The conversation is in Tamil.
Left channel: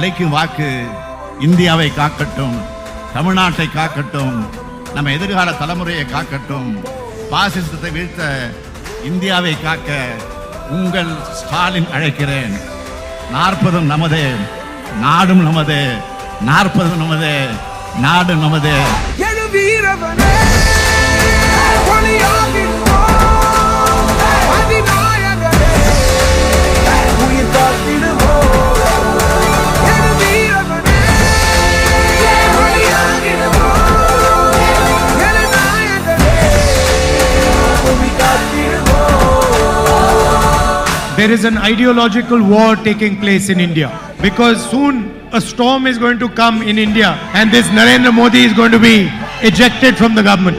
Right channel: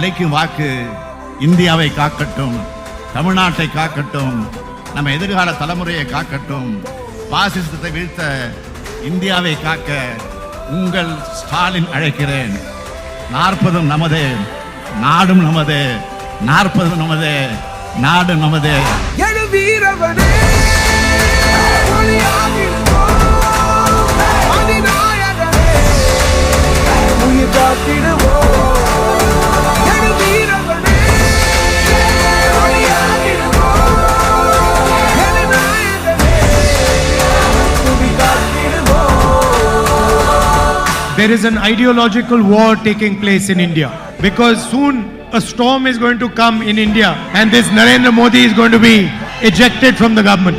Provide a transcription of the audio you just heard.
அழைக்கும் வாக்கு இந்தியாவை காக்கட்டும், தமிழ்நாட்டை காக்கட்டும், நம்ம எதிர்கால தலைமுறையை காக்கட்டும், பாசிசத்தை வீழ்த்த இந்தியாவை காக்க உங்கள் ஸ்டாலின் அழைக்கிறேன். 40 நமதே, நாடும் நமதே, 40 நமதே, நாடு நமதே. There is an ideological war taking place in India because soon a storm is going to come in India and this Narendra Modi is going to be ejected from the government.